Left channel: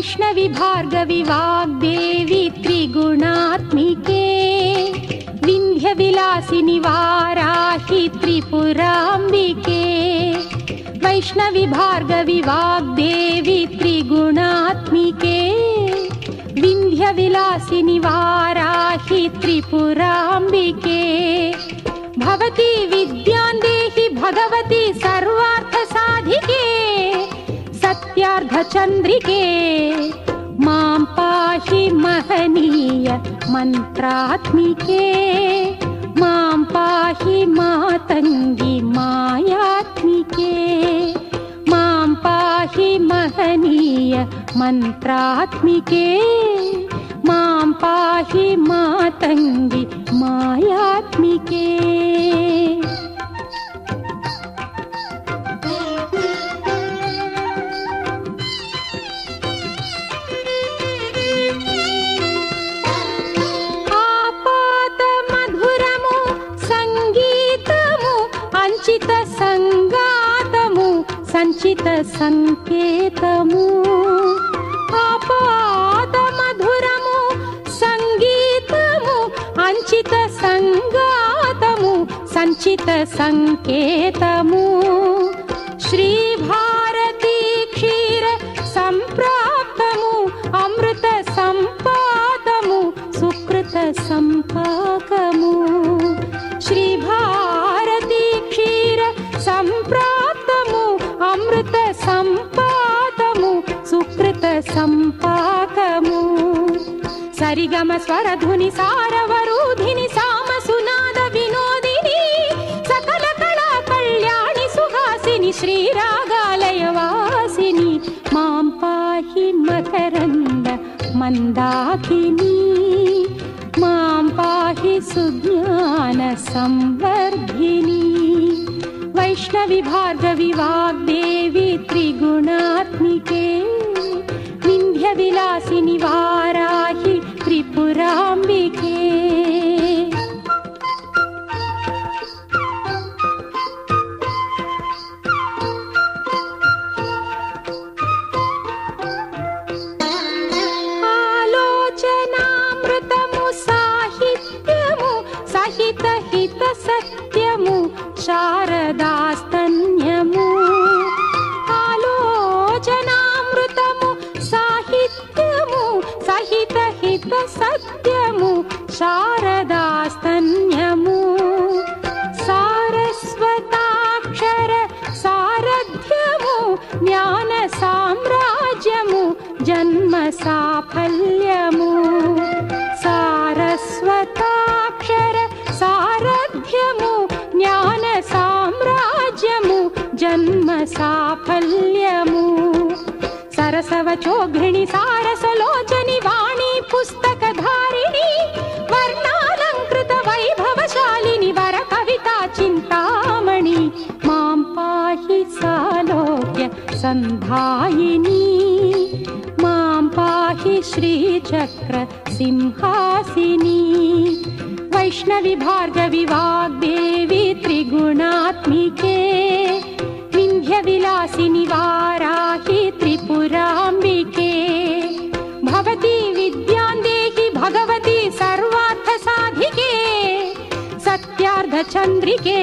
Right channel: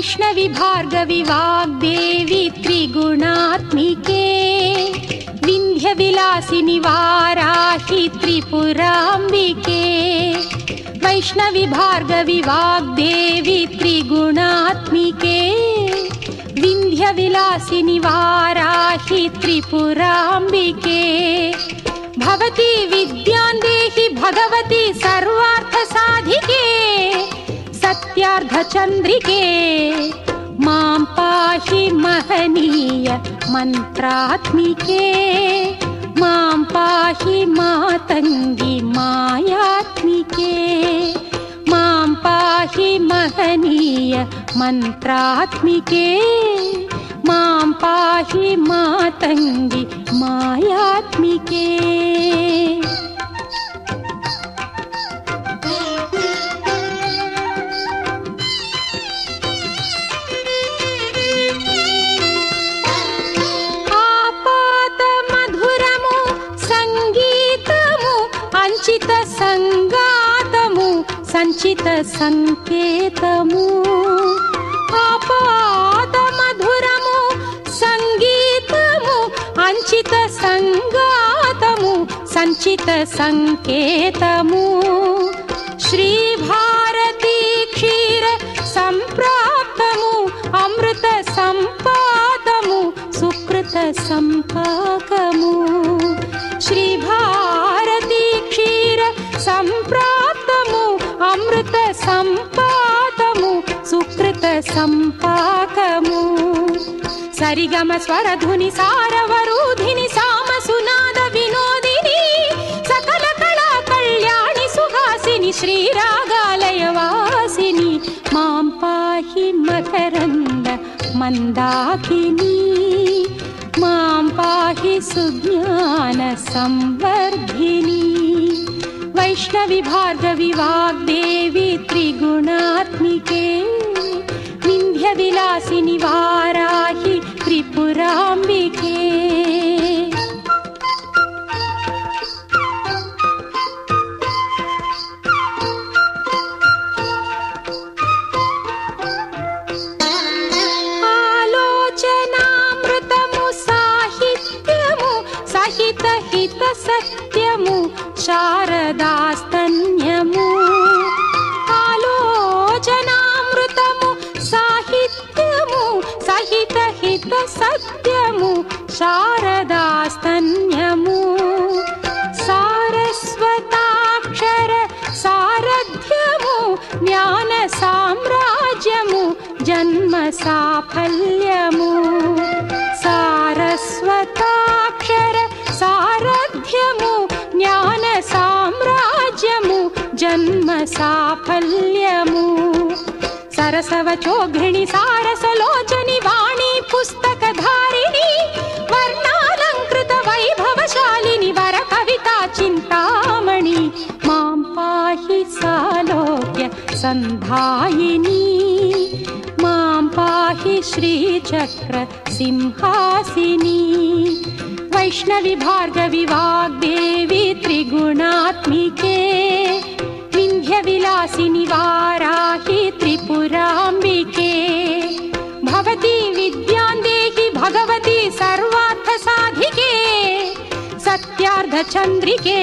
वैष्णवी भार्गवी वाग्देवी त्रिगुणात्मिके विन्ध्यविलासिनि वाराहि त्रिपुराम्बिके वैष्णवी भार्गवी वाग्देवी त्रिगुणात्मिके विन्ध्यविलासिनि वाराहि त्रिपुराम्बिके भवती विद्यां देहि भगवती सर्वार्थसाधिके सत्यार्धचन्द्रिके मां पाहि महनीय मन्त्रात्मिके मां पाहि मातङ्गी मायात्मिके मां पाहि महनीय मन्त्रात्मिके मां पाहि मातङ्गी मायात्मिके। సంచిత సంగాతము సంచిత సంకేతము ఆపాద మధురము సంగీతము అంచిత సంగాతము సంచిత సంకేతము శ్రీ భారతీ క్షీర సంప్రాప్తము అమృత సంపాదము సుకృత సంపాకము శ్రీ భారతీ క్షీర సంప్రాప్తము అమృత సంపాదము సుకృత సంపాకము సరిగమ స్వరధుని సారవరూధిని సామ సునాద వినోదిని సకల కళా కళ్యాణి సుహాసిని శ్రీరాగాలయ వాసిని మాం పాహి మకరంద మందాకిని మాం పాహి సుజ్ఞాన సంవర్ధిని వైష్ణవి భార్గవి వాగ్దేవి త్రిగుణాత్మికే వింధ్య విలాసిని వారాహి త్రిపురాంబికే। సహిత హిత సత్యము శారదాస్తన్యము ఆలోచనామృతము సాహిత్యము సహిత హిత సత్యము శారదాస్తన్యము సారస్వతాక్షర సారథ్యము జ్ఞాన సామ్రాజ్యము జన్మ సాఫల్యము సారస్వతాక్షర సారథ్యము జ్ఞాన సామ్రాజ్యము జన్మ సాఫల్యము సరసవచోఘిణి సారసలోచని వాణి పుస్తకధారిణి వర్ణాలంకృత వైభవశాలిని వర కవితా చింతామణి మాం పాహి సాలోక్య సంధాయిని మాం పాహి శ్రీచక్ర సింహాసిని వైష్ణవి భార్గవి వాగ్దేవి త్రిగుణాత్మికే వింధ్య విలాసిని వారాహి త్రిపురాంబికే భవతి విద్యాం దేహి భగవతి సర్వార్థ సాధికే సత్యార్థ చంద్రికే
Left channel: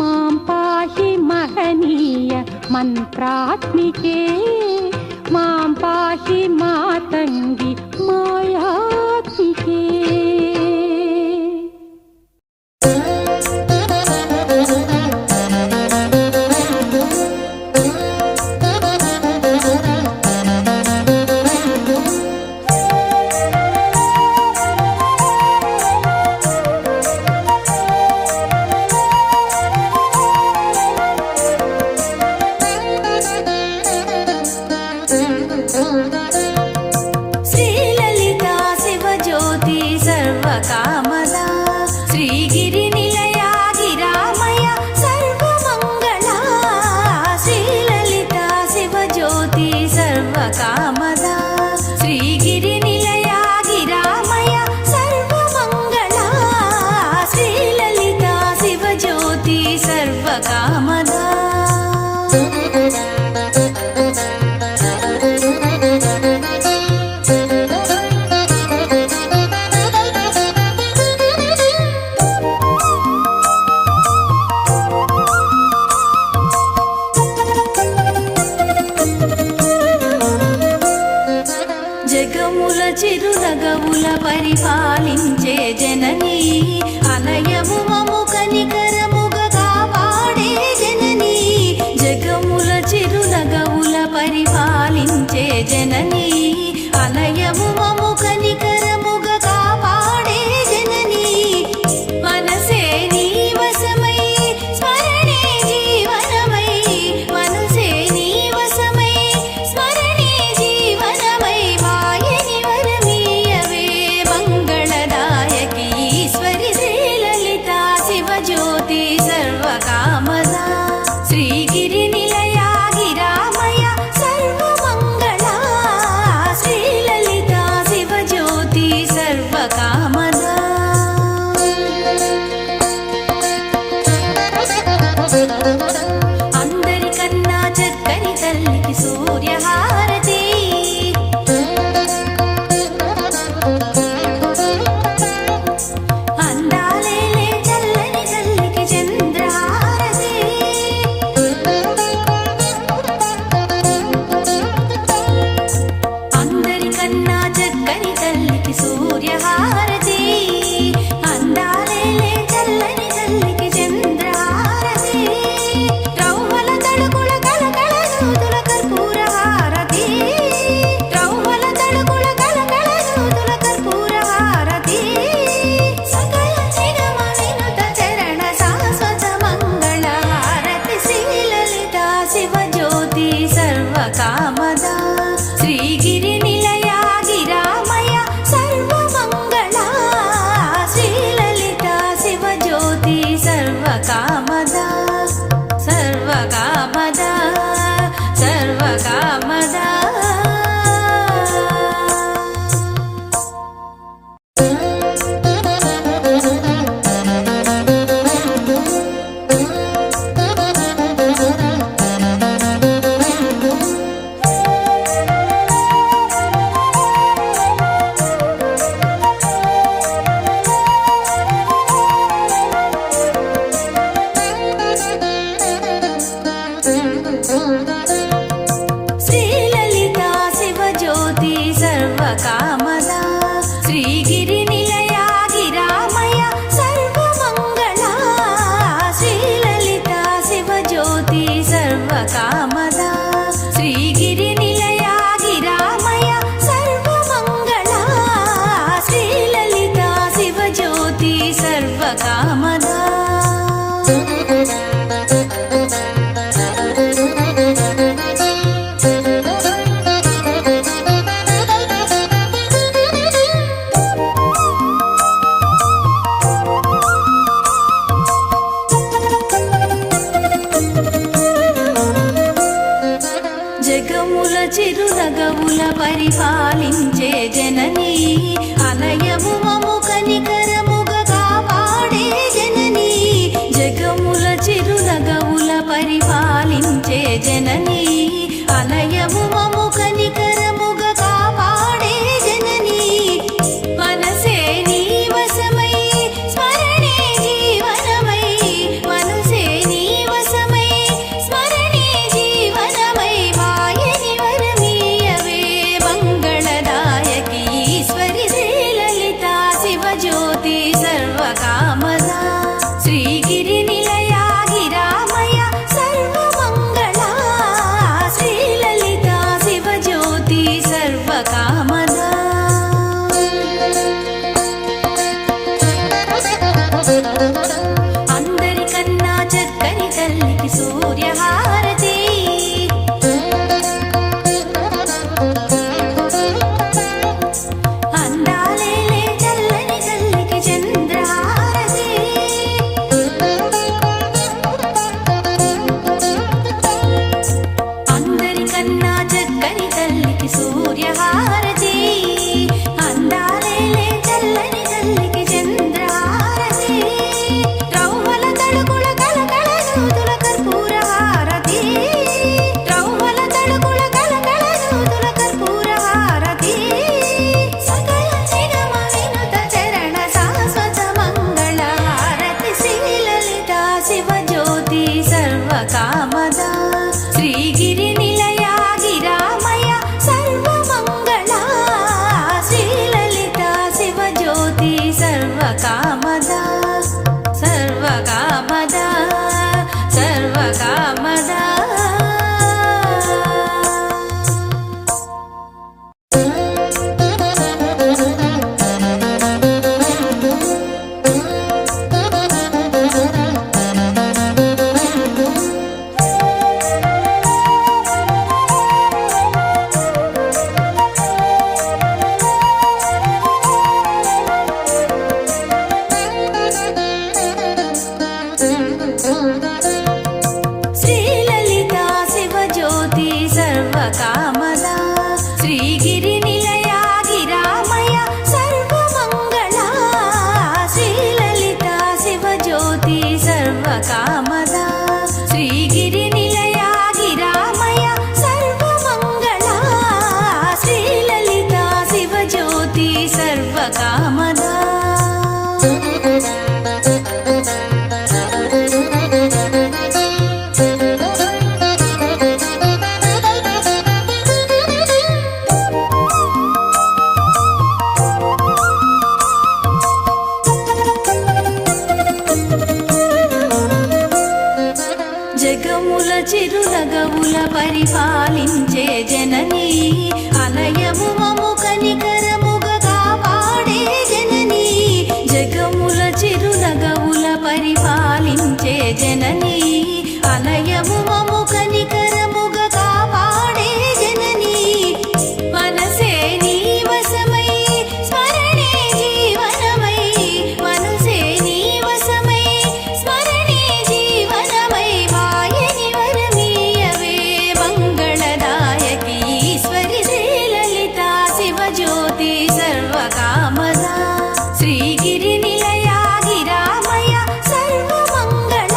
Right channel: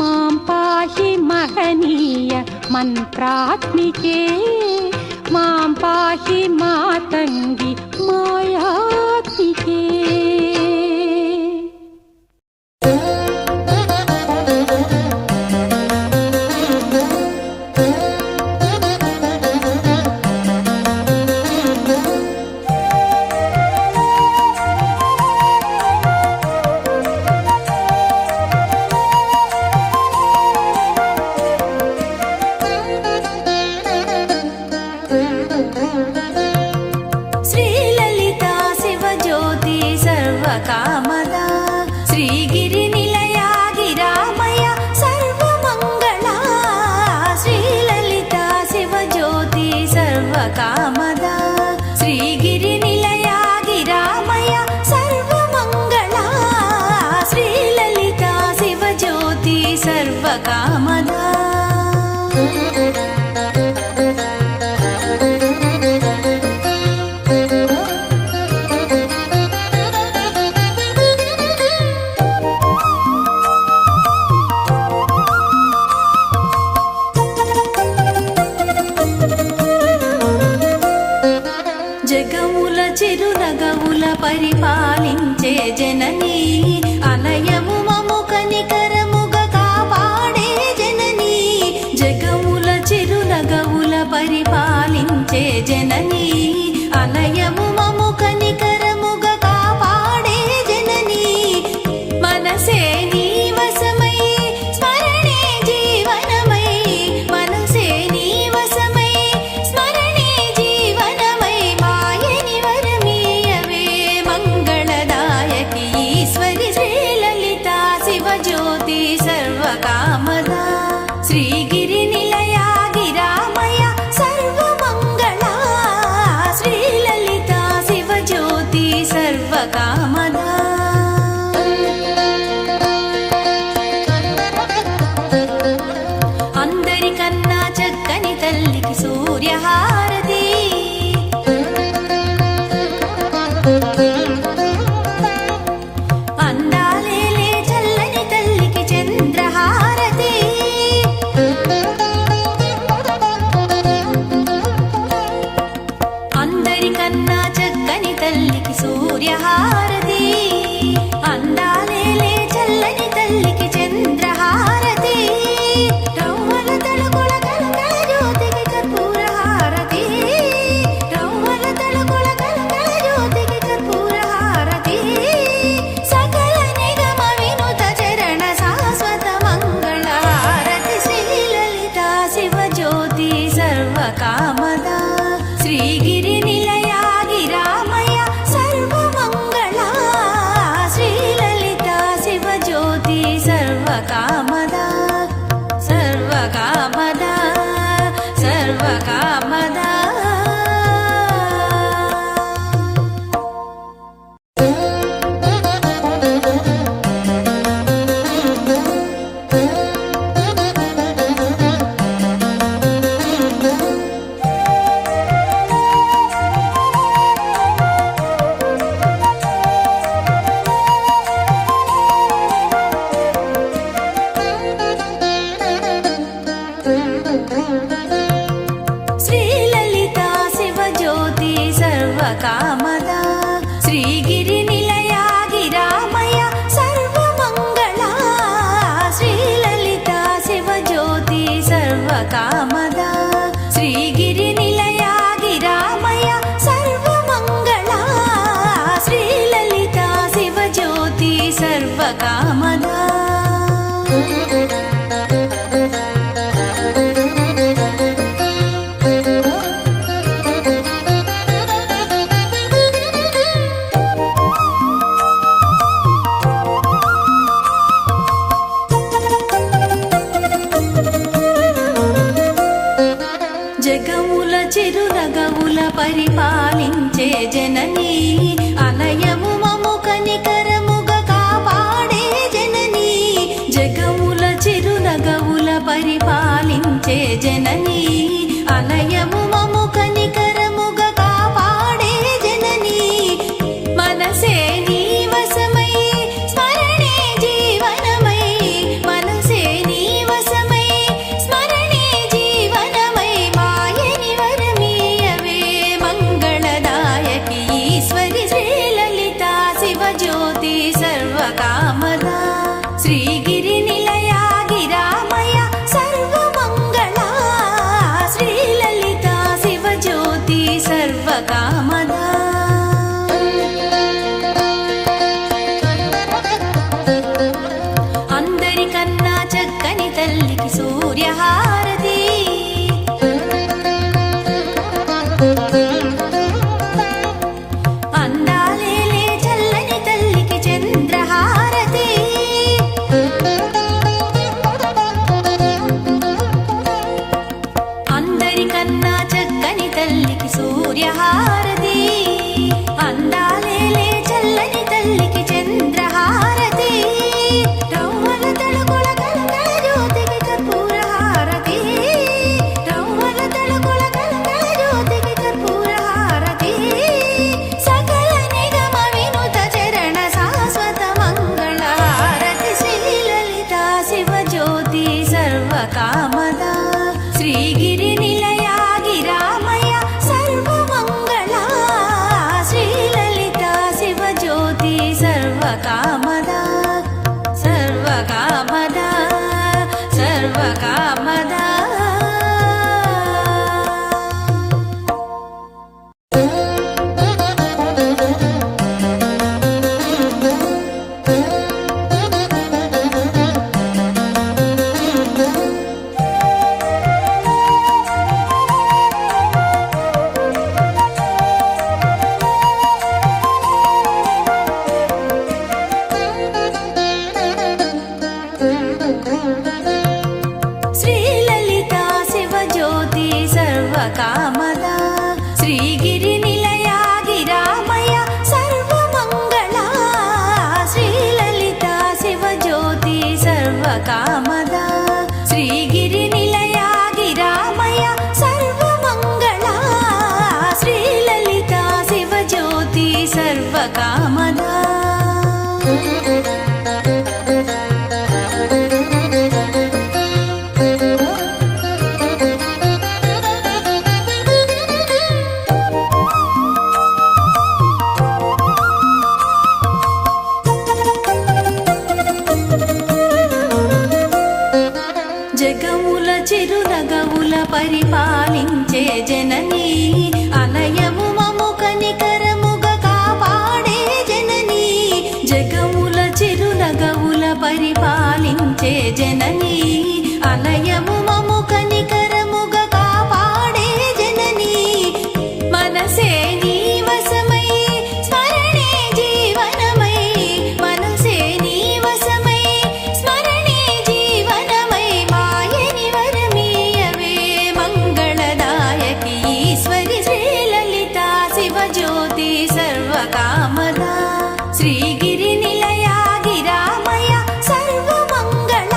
మాం పాహి మహనీయ మంత్రాత్మికే మాం పాహి మాతంగి మాయాత్మికే। శ్రీలలితా శివజ్యోతి సర్వకామదా శ్రీగిరి నిలయా గిరామయ సర్వమంగళా శ్రీలలితా శివజ్యోతి సర్వకామదా శ్రీగిరి నిలయా గిరామయ సర్వమంగళా శ్రీలలితా శివజ్యోతి సర్వకామదా పరిపాలించే జననీ అలయము మము కనికరముగా కాపాడే జననీ జగముల చిరునగవుల పరిపాలించే జననీ అలయము మము కనికరముగా కాపాడే జననీ మనసే నీ వశమై స్మరణే జీవనమై మనసే నీ వశమై స్మరణే జీవనమై వాయని వరమీయవే మంగళదాయకి ఈశ్వరి శ్రీలలితా శివజ్యోతి సర్వకామదా శ్రీగిరి నిలయా గిరామయ సర్వమంగళా శ్రీలలితా శివజ్యోతి సర్వకామదా అందరికన్నా చక్కని తల్లికి సూర్యహారతి అందాలేలే చల్లని తల్లికి చంద్రహారతి అందరికన్నా చక్కని తల్లికి సూర్యహారతి అందాలేలే చల్లని తల్లికి చంద్రహారతి రౌవల తడుకుల కలకల జ్యోతుల కర్పూర హారతి రౌవల తడుకుల కలకల జ్యోతుల కర్పూర హారతి సకల నిగమ వినుత చరణ శాశ్వత మంగళ హారతి శ్రీలలితా శివజ్యోతి సర్వకామదా శ్రీగిరి నిలయా గిరామయ సర్వమంగళా శ్రీలలితా శివజ్యోతి సర్వకామదా సర్వకామదా సర్వకామదా శ్రీలలితా శివజ్యోతి సర్వకామదా శ్రీగిరి నిలయా గిరామయ సర్వమంగళా శ్రీలలితా శివజ్యోతి సర్వకామదా శ్రీగిరి నిలయా గిరామయ సర్వమంగళా శ్రీలలితా శివజ్యోతి సర్వకామదా జగముల చిరునగవుల పరిపాలించే జననీ అలయము మము కనికరముగా కాపాడే జననీ జగముల చిరునగవుల పరిపాలించే జననీ అలయము మము కనికరముగా కాపాడే జననీ మనసే నీ వశమై స్మరణే జీవనమై మనసే నీ వశమై స్మరణే జీవనమై వాయని వరమీయవే మంగళదాయకి ఈశ్వరి శ్రీలలితా శివజ్యోతి సర్వకామదా శ్రీగిరి నిలయా గిరామయ సర్వమంగళా శ్రీలలితా శివజ్యోతి సర్వకామదా అందరికన్నా చక్కని తల్లికి సూర్యహారతి అందాలేలే చల్లని తల్లికి చంద్రహారతి అందరికన్నా చక్కని తల్లికి సూర్యహారతి అందాలేలే చల్లని తల్లికి చంద్రహారతి రౌవల తడుకుల కలకల జ్యోతుల కర్పూర హారతి రౌవల తడుకుల కలకల జ్యోతుల కర్పూర హారతి సకల నిగమ వినుత చరణ శాశ్వత మంగళ హారతి శ్రీలలితా శివజ్యోతి సర్వకామదా శ్రీగిరి నిలయా గిరామయ సర్వమంగళా శ్రీలలితా శివ ಸರ್ವಕಾಮದ. ಶ್ರೀಲಲಿತಾ ಶಿವಜ್ಯೋತಿ ಸರ್ವಕಾಮದ. ಶ್ರೀಗಿರಿ ನಿಲಯ ಗಿರಾಮಯ ಸರ್ವಮಂಗಳ. ಶ್ರೀಲಲಿತಾ ಶಿವಜ್ಯೋತಿ ಸರ್ವಕಾಮದ. ಶ್ರೀಗಿರಿ ನಿಲಯ ಗಿರಾಮಯ ಸರ್ವಮಂಗಳ. ಶ್ರೀಲಲಿತಾ ಶಿವಜ್ಯೋತಿ ಸರ್ವಕಾಮದ. జగముల చిరునగవుల పరిపాలించే జననీ. అలయము మము కనికరముగా కాపాడే జననీ. జగముల చిరునగవుల పరిపాలించే జననీ. అలయము మము కనికరముగా కాపాడే జననీ. మనసే నీ వశమై స్మరణే జీవనమై. మనసే నీ వశమై స్మరణే జీవనమై. వాయని వరమీయవే మంగళదాయకి ఈశ్వరి. శ్రీలలితా శివజ్యోతి సర్వకామద. శ్రీగిరి నిలయ గిరామయ సర్వమంగళ.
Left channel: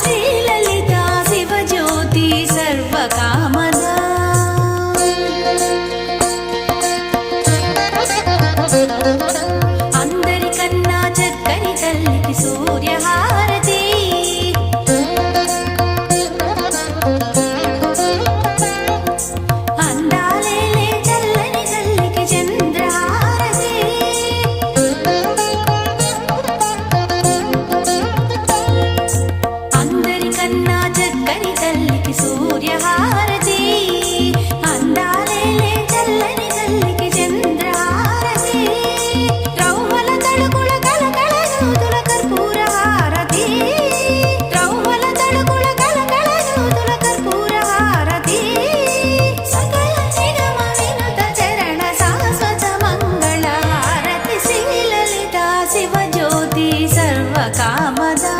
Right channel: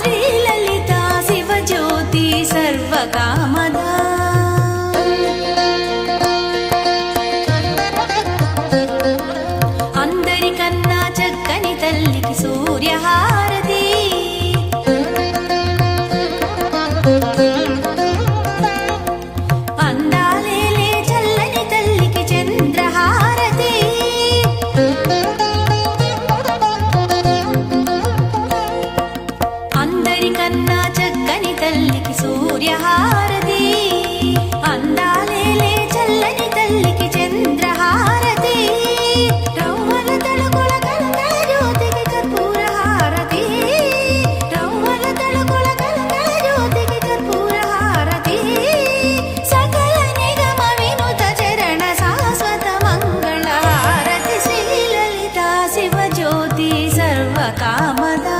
శ్రీలలితా శివజ్యోతి సర్వకామద. అందరికన్నా చక్కని తల్లికి సూర్యహారతి. అందాలేలే చల్లని తల్లికి చంద్రహారతి. అందరికన్నా చక్కని తల్లికి సూర్యహారతి. అందాలేలే చల్లని తల్లికి చంద్రహారతి. రౌవల తడుకుల కలకల జ్యోతుల కర్పూరహారతి. రౌవల తడుకుల కలకల జ్యోతుల కర్పూరహారతి. సకల నిగమ వినుత చరణ శాశ్వత మంగళారతి. శ్రీలలితా శివజ్యోతి సర్వకామద.